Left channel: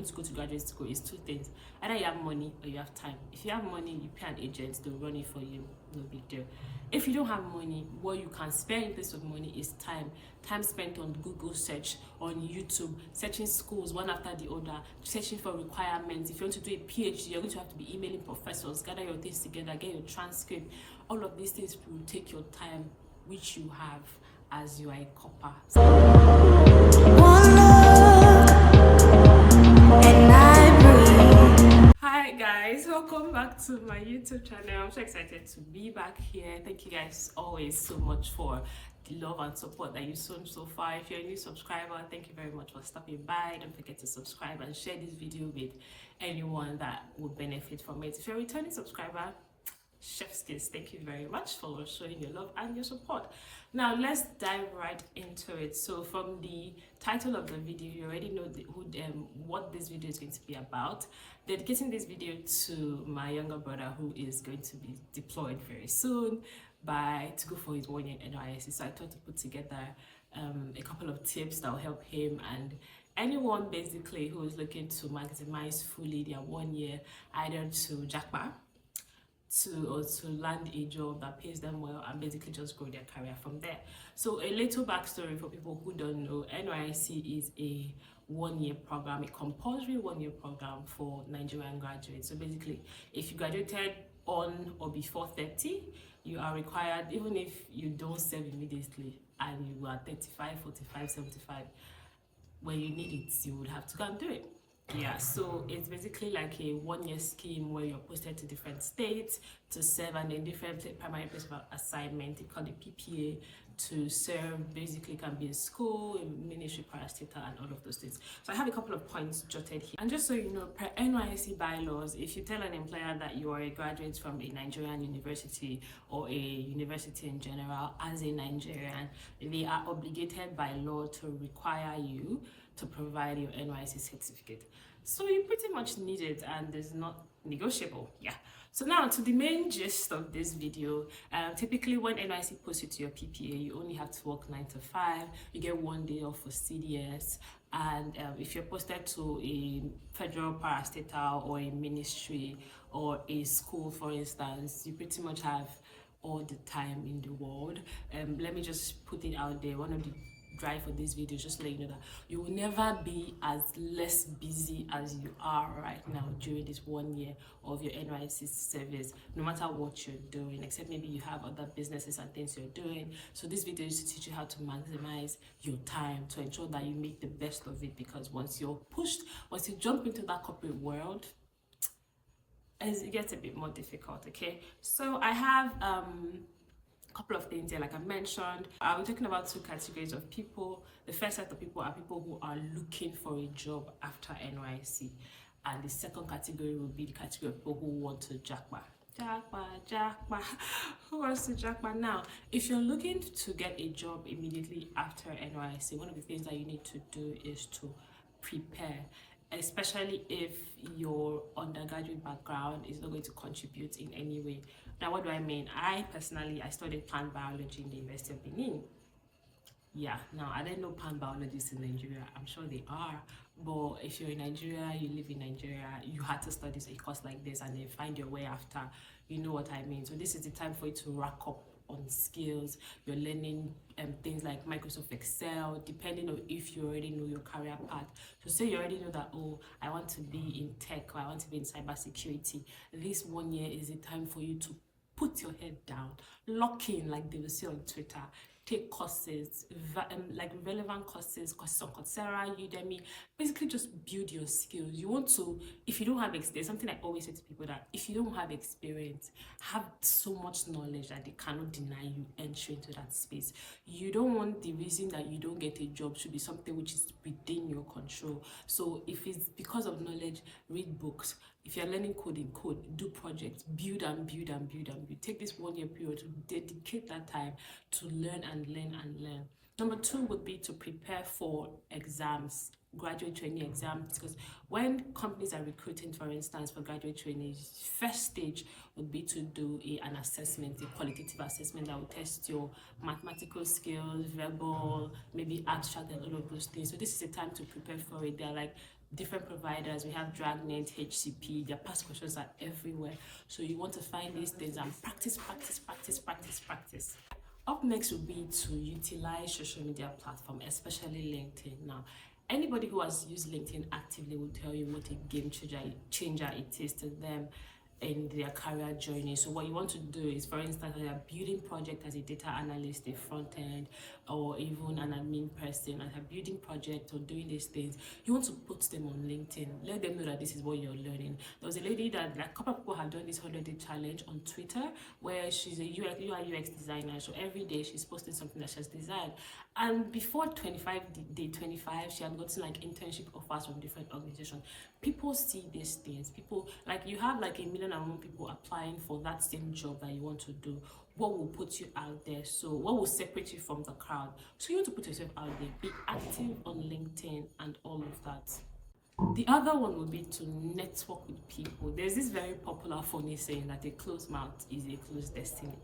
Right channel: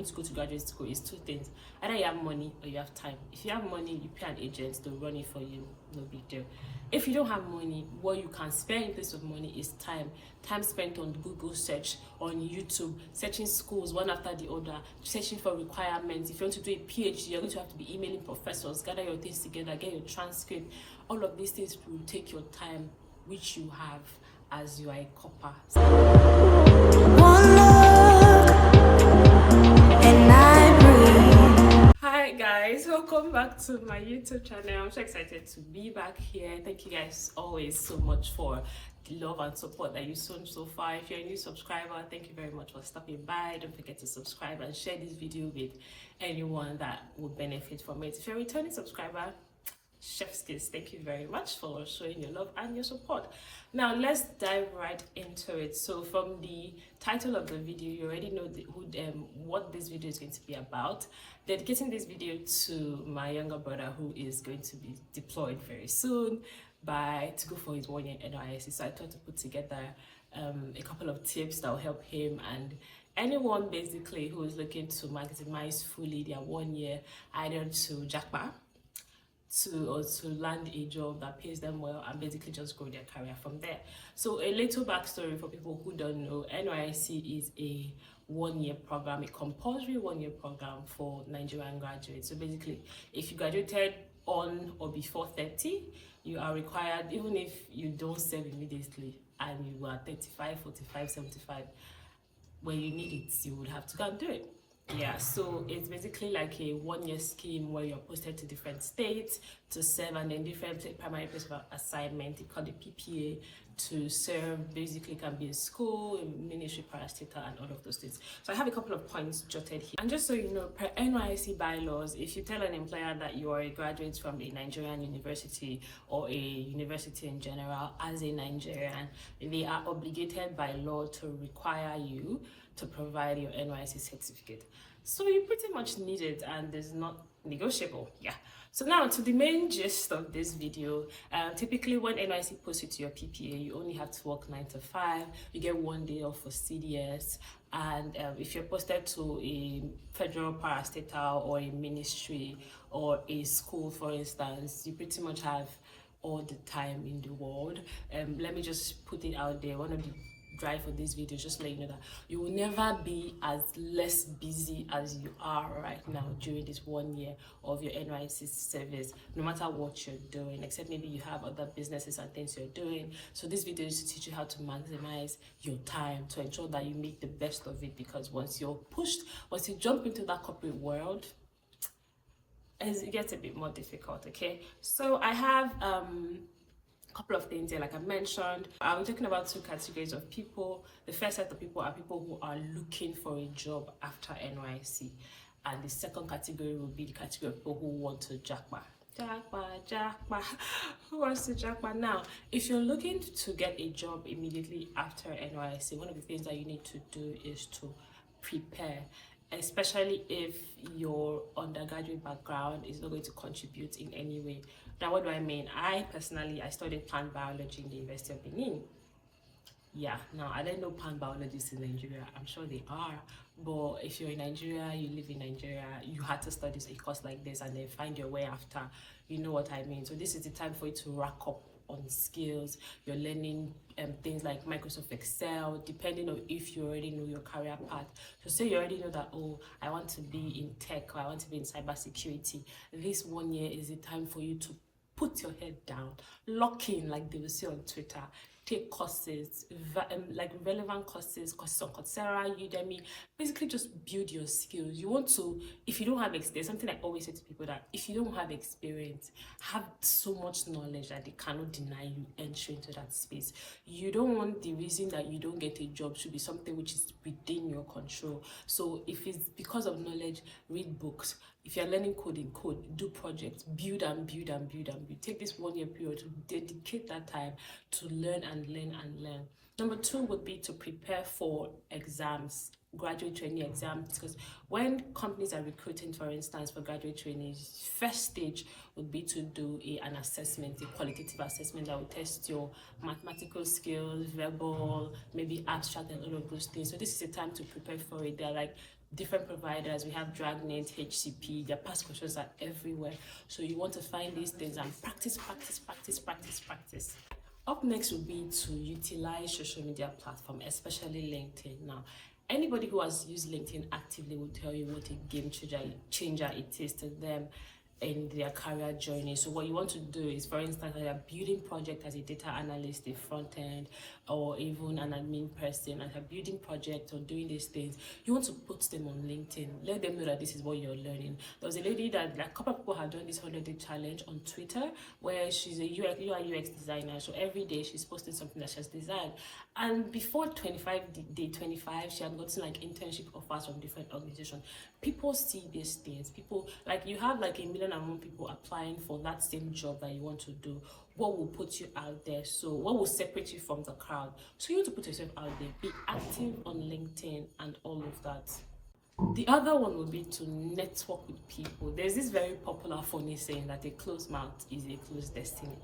want to go to graduate school is two things. Either you have money or you have time. If you have money, you pay an agent to run it for you, no big deal. If you don't have money, what you can spare in place of money is time. Time spent on Google search, on YouTube, searching schools one after the other, searching for requirements. If you want to do a PhD, you're going to have to be emailing professors, gather your things together, get your transcript. All of these things will take your time, which you have as you are a copper. Hi guys, welcome back to my YouTube channel. I'm so excited to be back here. Thank you guys always so much for the love and support that you've shown so far. If you're a new subscriber, thank you very much for stopping by. Don't forget to subscribe and share this video with anyone that would benefit from it. If you're a returning subscriber, chef's kiss, thank you very much for showing your love and your support. Now let's dive right into it. So from the title of the video, you already know what this video is going to be about. Dedicating this video to my younger brother who is going to be deployed very soon to go for his 1 year NYSC. So I thought to put together a couple of tips that will help him and anyone basically who is looking to maximize fully their 1 year, either to Japa or to land a job that pays them well and basically just grow their career from there. So a little backstory for people who don't know, NYSC is a 1 year program, a compulsory 1 year program for Nigerian graduates. So basically, if you graduated on or before 30, you are required, even if you don't serve immediately and you are 35, 45, 75, when you need it, you would have to go and do it. Yeah, so it's basically like a 1 year scheme where you're posted to different states to serve, and then different primary place of assignment, they call it PPA, to serve. Basically can be a school, a ministry, parastatal, and all of those things. So I have a couple of points jotted here. And just so you know, per NYSC bylaws, if you tell an employer that you are a graduate from a Nigerian university or a university in general as a Nigerian, they are obligated by law to require you to provide your NYSC certificate. So you pretty much need it, and it's not negotiable. Yeah. So now to the main gist of this video. Typically when NYSC posts you to your PPA, you only have to work 9 to 5. You get 1 day off for CDS, and if you're posted to a federal parastatal or a ministry or a school, for instance, you pretty much have all the time in the world. Let me just put it out there. One of the drive for this video, just to let you know that you will never be as less busy as you are right now during this 1 year of your NYSC service, no matter what you're doing, except maybe you have other businesses and things you're doing. So this video is to teach you how to maximize your time to ensure that you make the best of it, because once you're pushed, once you jump into that corporate world, it gets a bit more difficult. Okay, so I have couple of things here. Like I mentioned, I'm talking about two categories of people. The first set of people are people who are looking for a job after NYSC, and the second category will be the category of people who want to Japa. Who wants to Japa? Now, if you're looking to get a job immediately after NYSC, one of the things that you need to do is to prepare, especially if your undergraduate background is not going to contribute in any way. Now, what do I mean? I personally, I studied plant biology in the University of Benin. Yeah, now I don't know plant biologists in Nigeria. I'm sure they are, but if you're in Nigeria, you live in Nigeria, you had to study a course like this and then find your way after. You know what I mean? So this is the time for you to rack up on skills. You're learning things like Microsoft Excel, depending on if you already know your career path. So say you already know that, oh, I want to be in tech or I want to be in cybersecurity. This 1 year is the time for you to put your head down, lock in, like they will say on Twitter, take courses, like relevant courses on Coursera, Udemy, basically just build your skills. You want to, if you don't have experience, something I always say to people, that if you don't have experience, have so much knowledge that they cannot deny you entry into that space. You don't want the reason that you don't get a job should be something which is within your control. So if it's because of knowledge, read books. If you're learning coding, code, do projects, build and build and build and build. Take this 1 year period to dedicate that time to learn and learn and learn. Number two would be to prepare for exams, graduate trainee exams, because when companies are recruiting, for instance, for graduate trainees, first stage would be to do an assessment, a qualitative assessment that will test your mathematical skills, verbal, maybe abstract, and all of those things. So this is a time to prepare for it. They're like different providers. We have Dragnet, HCP, their past questions are everywhere. So you want to find these things and practice. Up next would be to utilize social media platform, especially LinkedIn. Now, anybody who has used LinkedIn actively will tell you what a game changer it is to them in their career journey. So what you want to do is, for instance, when you're building project as a data analyst, a front end, or even an admin person, and you're building project or doing these things, you want to put them on LinkedIn. Let them know that this is what you're learning. There was a lady that, like, a couple of people have done this 100-day challenge on Twitter, where she's a UI UX designer. So every day she's posting something that she's designed. And before day 25, she had gotten like internship offers from different organizations. People see these things. People, like, you have like 1 million and one people applying for that same job that you want to do. What will put you out there? So what will separate you from the crowd? So you want to put yourself out there, be active on LinkedIn and all of that. The other one would be to network with people. There's this very popular funny saying that a closed mouth is a closed destiny.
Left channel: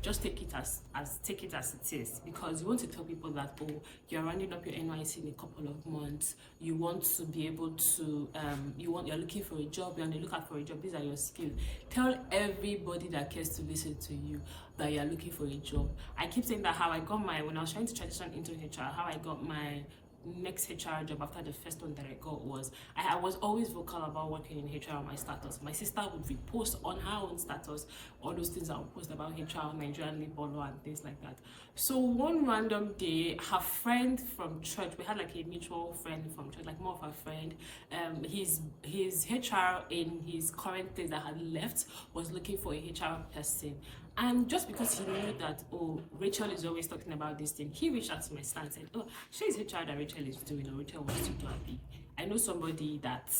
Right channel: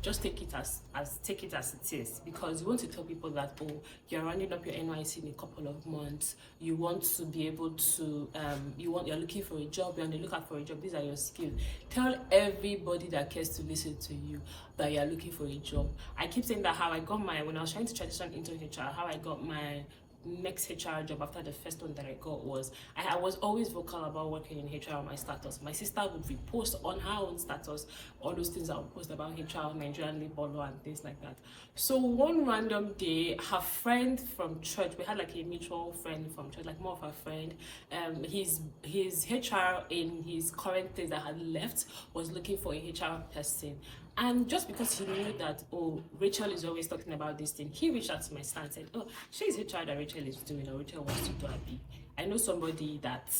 Just take it as it is, because you want to tell people that, oh, you're rounding up your NYSC in a couple of months, you want to be able to you're looking for a job, you're on the lookout for a job, these are your skills. Tell everybody that cares to listen to you that you're looking for a job. I keep saying that how I got when I was trying to transition into HR, how I got my next HR job after the first one that I got was I was always vocal about working in HR on my status. My sister would repost on her own status all those things I would post about HR, Nigerian labor law, and things like that. So one random day, her friend from church, we had like a mutual friend from church, like more of her friend, his HR in his current place that had left was looking for a HR person. And just because he knew that, oh, Rachel is always talking about this thing, he reached out to my stand and said, oh, she's HR that Rachel is doing, or Rachel wants to do a big. I know somebody that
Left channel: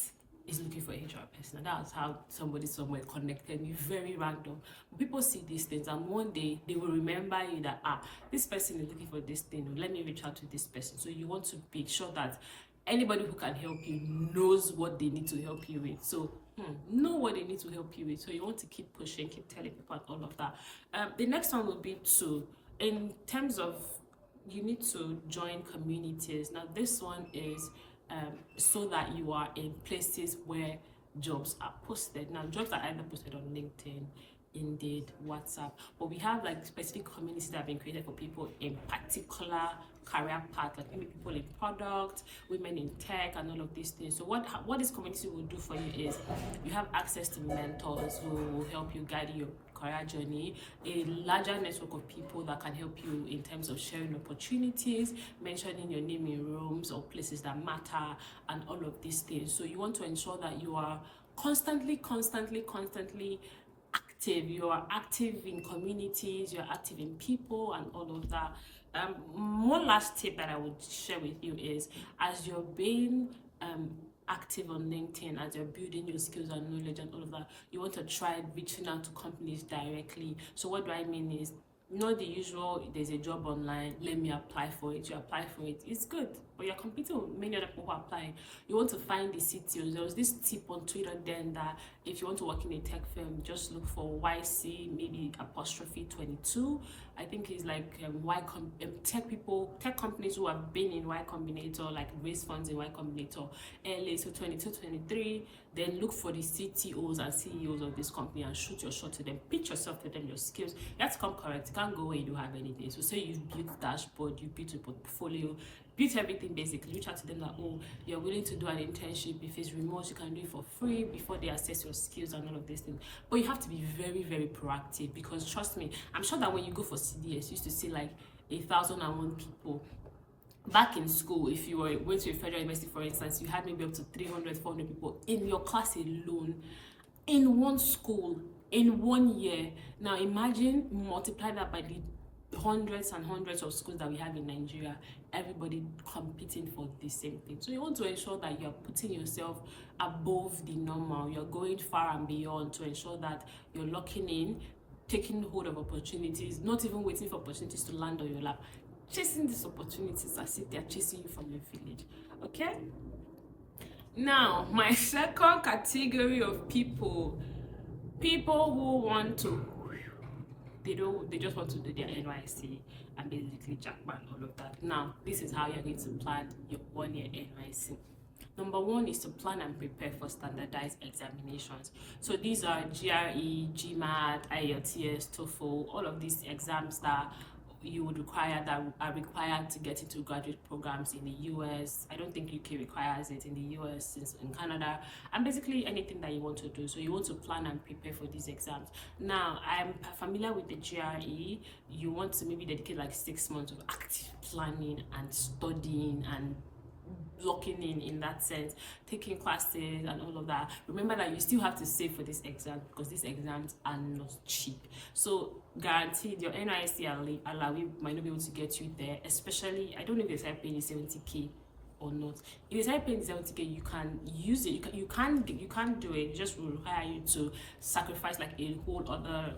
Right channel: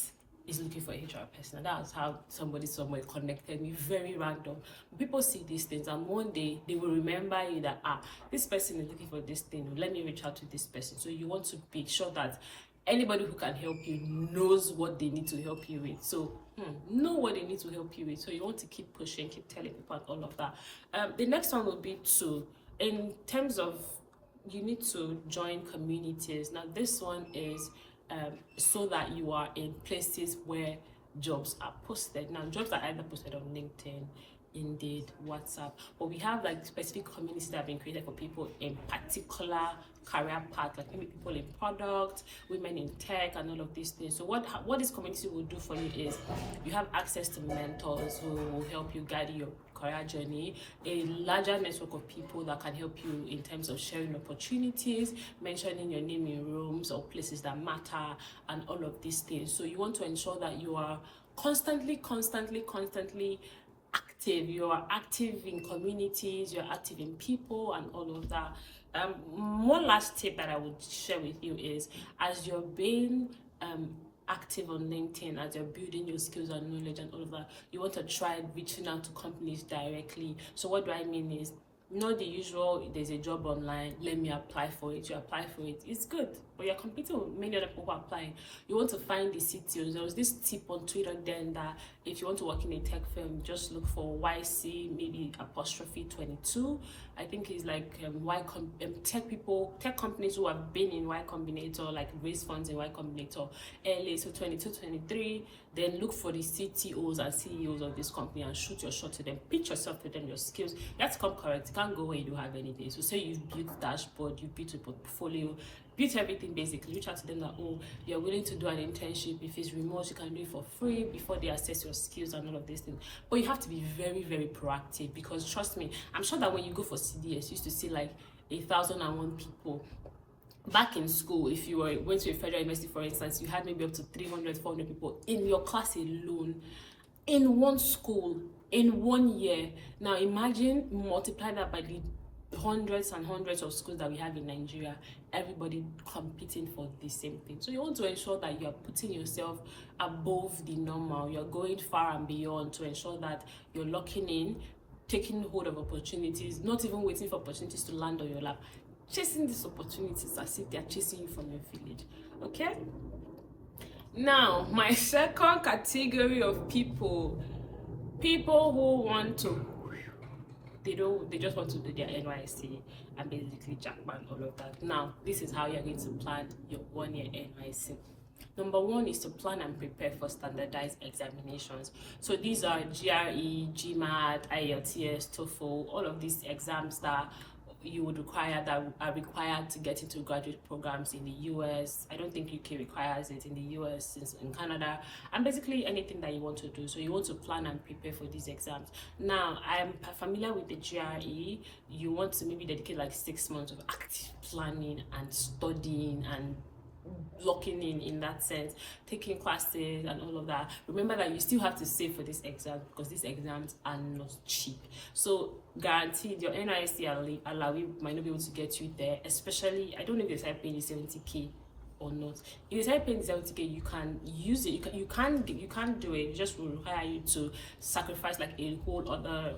is looking for a HR person. And that's how somebody somewhere connected me, very random. But people see these things, and one day they will remember you that, this person is looking for this thing, let me reach out to this person. So you want to be sure that anybody who can help you knows what they need to help you with. So know what they need to help you with. So you want to keep pushing, keep telling people and all of that. The next one would be in terms of, you need to join communities. Now this one is so that you are in places where jobs are posted. Now jobs are either posted on LinkedIn, Indeed, WhatsApp, but we have like specific communities that have been created for people in particular career path, like maybe people in product, women in tech, and all of these things. So what this community will do for you is you have access to mentors who will help you guide your career journey, a larger network of people that can help you in terms of sharing opportunities, mentioning your name in rooms or places that matter, and all of these things. So you want to ensure that you are constantly active. You are active in communities, you're active in people, and all of that. One last tip that I would share with you is, as you're being active on LinkedIn, as you're building your skills and knowledge and all of that, you want to try reaching out to companies directly. So what do I mean is, not the usual, there's a job online, let me apply for it. You apply for it, it's good, but you're competing with many other people who are applying. You want to find the CTOs. There was this tip on Twitter then that if you want to work in a tech firm, just look for YC, maybe apostrophe 22. I think it's like tech companies who have been in Y Combinator, like raise funds in Y Combinator early, so 22, 23. Then look for the CTOs and CEOs of this company and shoot your shot to them. Pitch yourself to them, your skills. You have to come correct. You can't go where you don't have anything. So say you've built dashboard, you built a portfolio, built everything basically. Reach out to them that, oh, you're willing to do an internship. If it's remote, you can do it for free before they assess your skills and all of these things. But you have to be very, very proactive, because trust me, I'm sure that when you go for CDS, you used to see like 1,001 people. Back in school, if you went to a federal university, for instance, you had maybe up to 300, 400 people in your class alone, in one school, in 1 year. Now imagine multiply that by the hundreds and hundreds of schools that we have in Nigeria, everybody competing for the same thing. So you want to ensure that you're putting yourself above the normal, you're going far and beyond to ensure that you're locking in, taking hold of opportunities, not even waiting for opportunities to land on your lap, chasing these opportunities as if they're chasing you from your village. Okay, now my second category of people who want to, they just want to do their NYSC and basically Japa and all of that. Now this is how you're going to plan your 1 year NYSC. Number one is to plan and prepare for standardized examinations. So these are GRE, GMAT, IELTS, TOEFL, all of these exams that you would require, that are required to get into graduate programs in the US. I don't think UK requires it in the US, since in Canada, and basically anything that you want to do. So you want to plan and prepare for these exams. Now, I'm familiar with the GRE. You want to maybe dedicate like 6 months of active planning and studying and locking in that sense, taking classes and all of that. Remember that you still have to save for this exam, because these exams are not cheap. So guaranteed your NYSC allowee might not be able to get you there, especially, I don't know if they start paying you 70k or not. If you start paying 70k, you can use it, you can do it. It just will require you to sacrifice like a whole other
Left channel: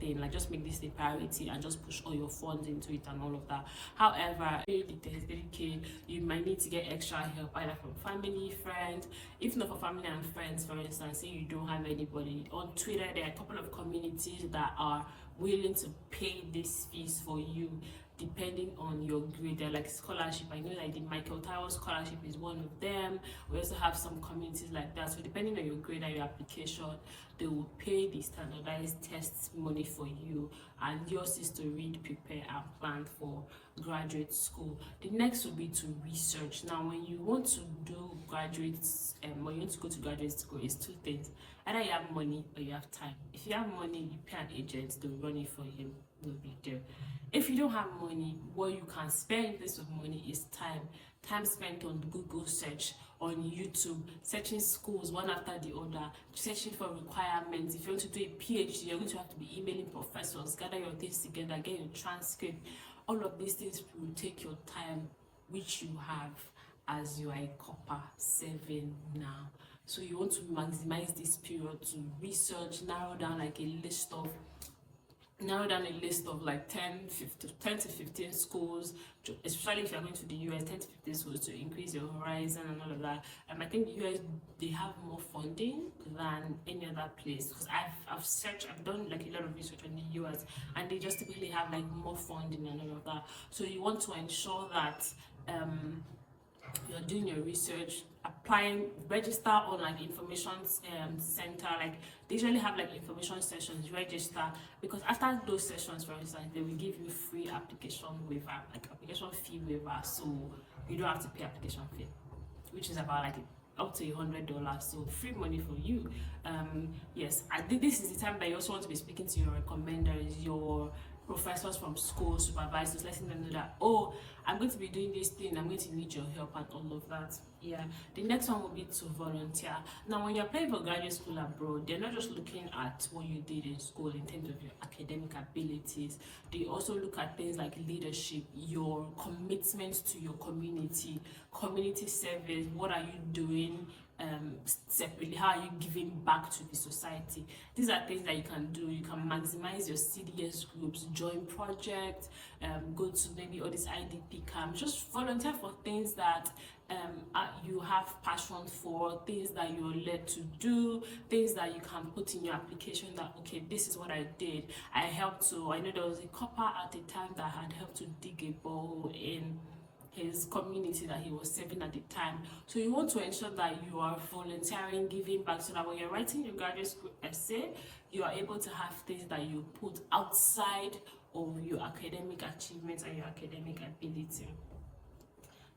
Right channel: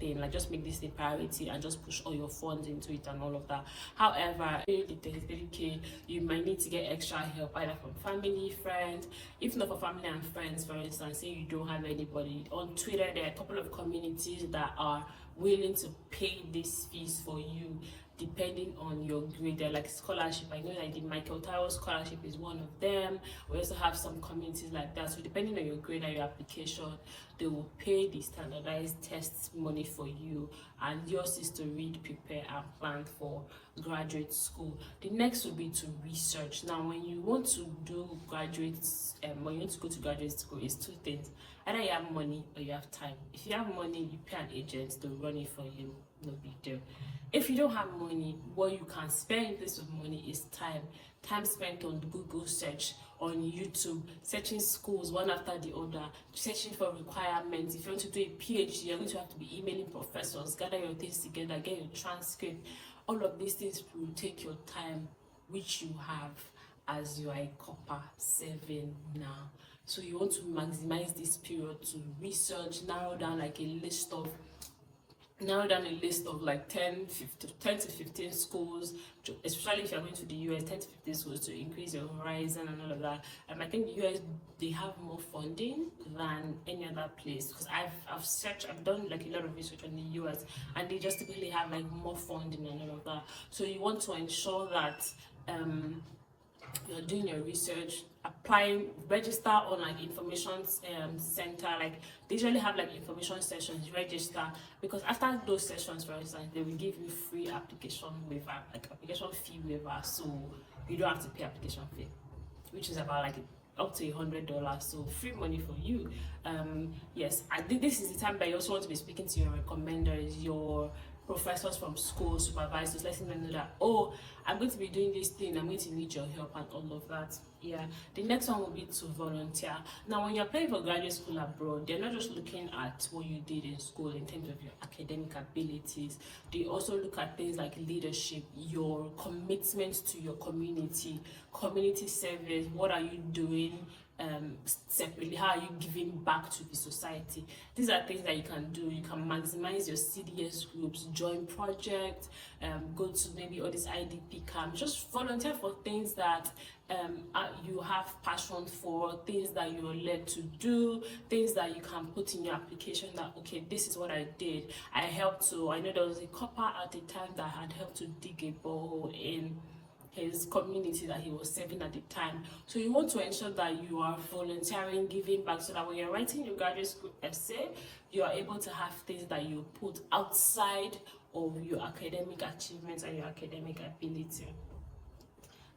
thing, like just make this a priority and just push all your funds into it and all of that. However, the 30k, you might need to get extra help, either from family, friends. If not for family and friends, for instance, say you don't have anybody on Twitter, there are a couple of communities that are willing to pay these fees for you depending on your grade. They're like scholarship. I know like the Michael Tyrell scholarship is one of them. We also have some communities like that. So depending on your grade and your application, they will pay the standardized tests money for you, and yours is to read, prepare, and plan for graduate school. The next will be to research. Now, when you want to do graduates, when you want to go to graduate school, it's two things: either you have money or you have time. If you have money, you pay an agent to run it for you, no big deal. If you don't have money, what you can spare in place of money is time spent on Google search, on YouTube, searching schools one after the other, searching for requirements. If you want to do a PhD, you're going to have to be emailing professors, gather your things together, get your transcript. All of these things will take your time, which you have as you are a copper 7 now. So you want to maximize this period to research, narrow down a list of like 10 to 15 schools, especially if you're going to the US, 10 to 15 schools to increase your horizon and all of that. I think the US, they have more funding than any other place, because I've done like a lot of research on the US, and they just typically have like more funding and all of that. So you want to ensure that you're doing your research, applying, register on like information center. Like they usually have like information sessions, register, because after those sessions, for instance, they will give you free application waiver, like application fee waiver, so you don't have to pay application fee, which is about like up to $100, so free money for you. Yes, I think this is the time that you also want to be speaking to your recommenders, your professors from school, supervisors, letting them know that, oh, I'm going to be doing this thing, I'm going to need your help and all of that. Yeah, the next one will be to volunteer. Now, when you're applying for graduate school abroad, they're not just looking at what you did in school in terms of your academic abilities. They also look at things like leadership, your commitment to your community service. What are you doing separately? How are you giving back to the society? These are things that you can do. You can maximize your CDS groups, join projects, go to maybe all these IDP camps, just volunteer for things that you have passion for, things that you're led to do, things that you can put in your application that, okay, this is what I did. I know there was a copper at the time that had helped to dig a borehole in his community that he was serving at the time. So you want to ensure that you are volunteering, giving back, so that when you're writing your graduate school essay, you are able to have things that you put outside of your academic achievements and your academic ability.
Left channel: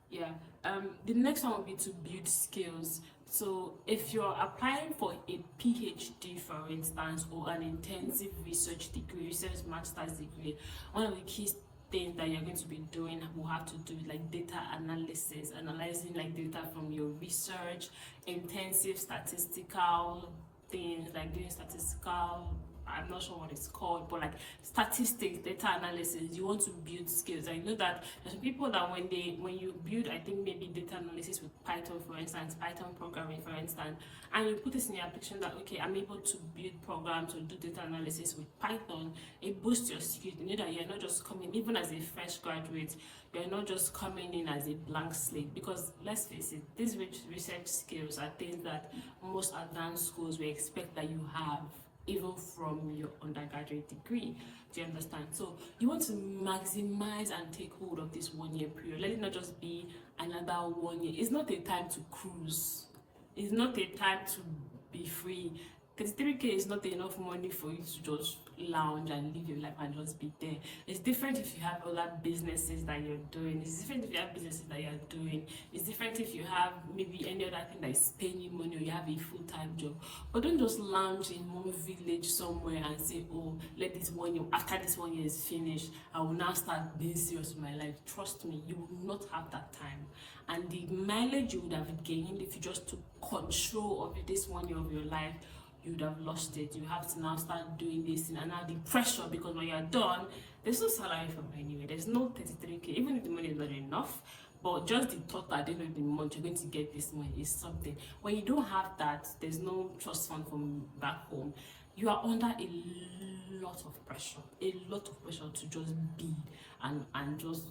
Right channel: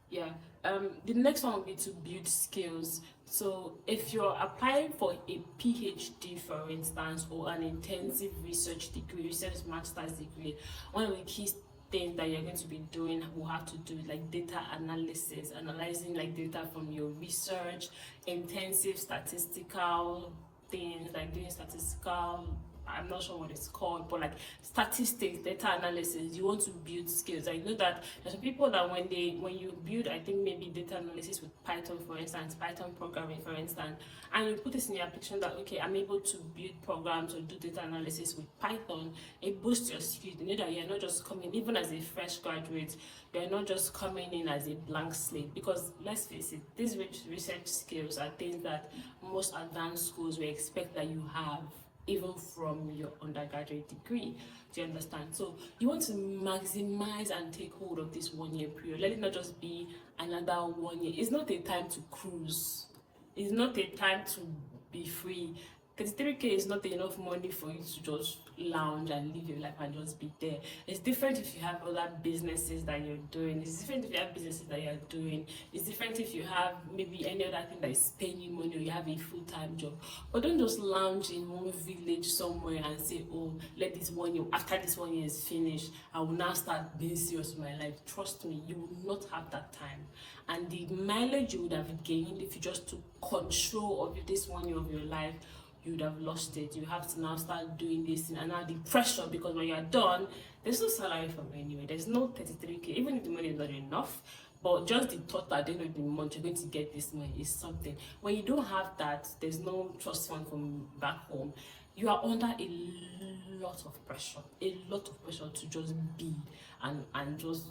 Yeah, the next one will be to build skills. So if you're applying for a PhD, for instance, or an intensive research degree, research master's degree, one of the key things that you're going to be doing will have to do with like data analysis, analyzing like data from your research, intensive statistical things, like doing statistical, I'm not sure what it's called, but like statistics, data analysis. You want to build skills. I know that there's some people that when you build, I think maybe data analysis with Python, for instance, Python programming, for instance, and you put this in your application that, okay, I'm able to build programs or do data analysis with Python, it boosts your skills. You know that you're not just coming, even as a fresh graduate, you're not just coming in as a blank slate, because let's face it, these research skills are things that most advanced schools will expect that you have even from your undergraduate degree. Do you understand? So you want to maximize and take hold of this 1 year period. Let it not just be another 1 year. It's not a time to cruise. It's not a time to be free. 33K is not enough money for you to just lounge and live your life and just be there. It's different if you have other businesses that you're doing. It's different if you have businesses that you're doing. It's different if you have maybe any other thing that is paying you money, or you have a full-time job. But don't just lounge in one village somewhere and say, oh, let this 1 year, after this 1 year is finished, I will now start being serious with my life. Trust me, you will not have that time. And the mileage you would have gained if you just took control of this 1 year of your life, you would have lost it. You have to now start doing this and now the pressure, because when you're done, there's no salary from anywhere. There's no 33K, even if the money is not enough. But just the thought that at the end of the month you're going to get this money is something. When you don't have that, there's no trust fund from back home. You are under a lot of pressure to just be and just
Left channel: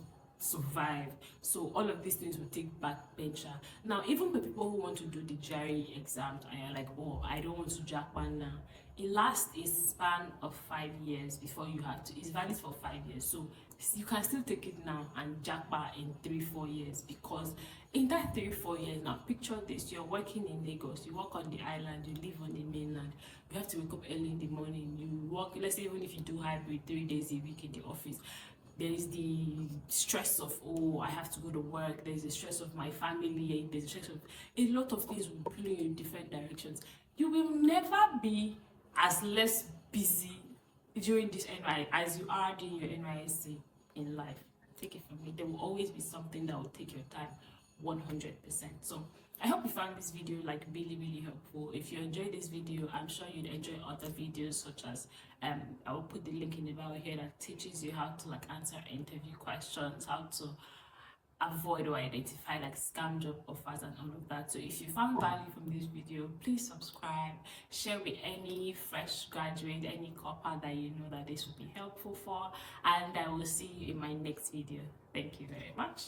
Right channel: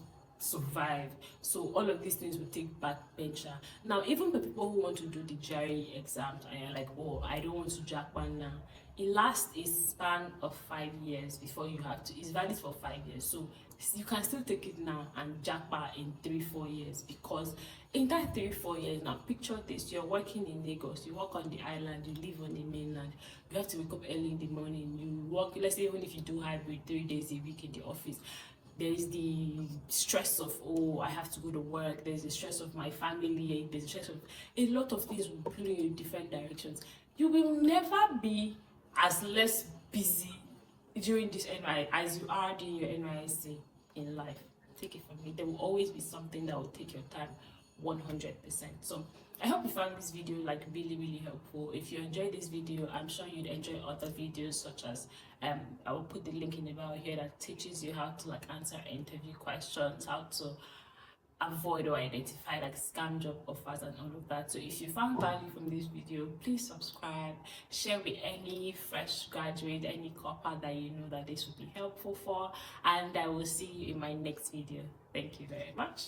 survive. So all of these things will take backbencher. Now, even for people who want to do the GRE exams and you're like, oh, I don't want to Japa now, it lasts a span of 5 years before you have to. It's valid for 5 years, so you can still take it now and Japa in 3-4 years, because in that 3-4 years, now picture this: you're working in Lagos, you work on the island, you live on the mainland, you have to wake up early in the morning, you work, let's say even if you do hybrid 3 days a week in the office, there's the stress of, oh, I have to go to work, there's the stress of my family, there's the stress of a lot of things will pull you in different directions. You will never be as less busy during this NY as you are doing your NYSC in life. Take it from me, there will always be something that will take your time 100%. So I hope you found this video like really helpful. If you enjoyed this video, I'm sure you'd enjoy other videos, such as I will put the link in the bio here that teaches you how to like answer interview questions, how to avoid or identify like scam job offers and all of that. So if you found value from this video, please subscribe, share with any fresh graduate, any corper that you know that this would be helpful for, and I will see you in my next video. Thank you very much.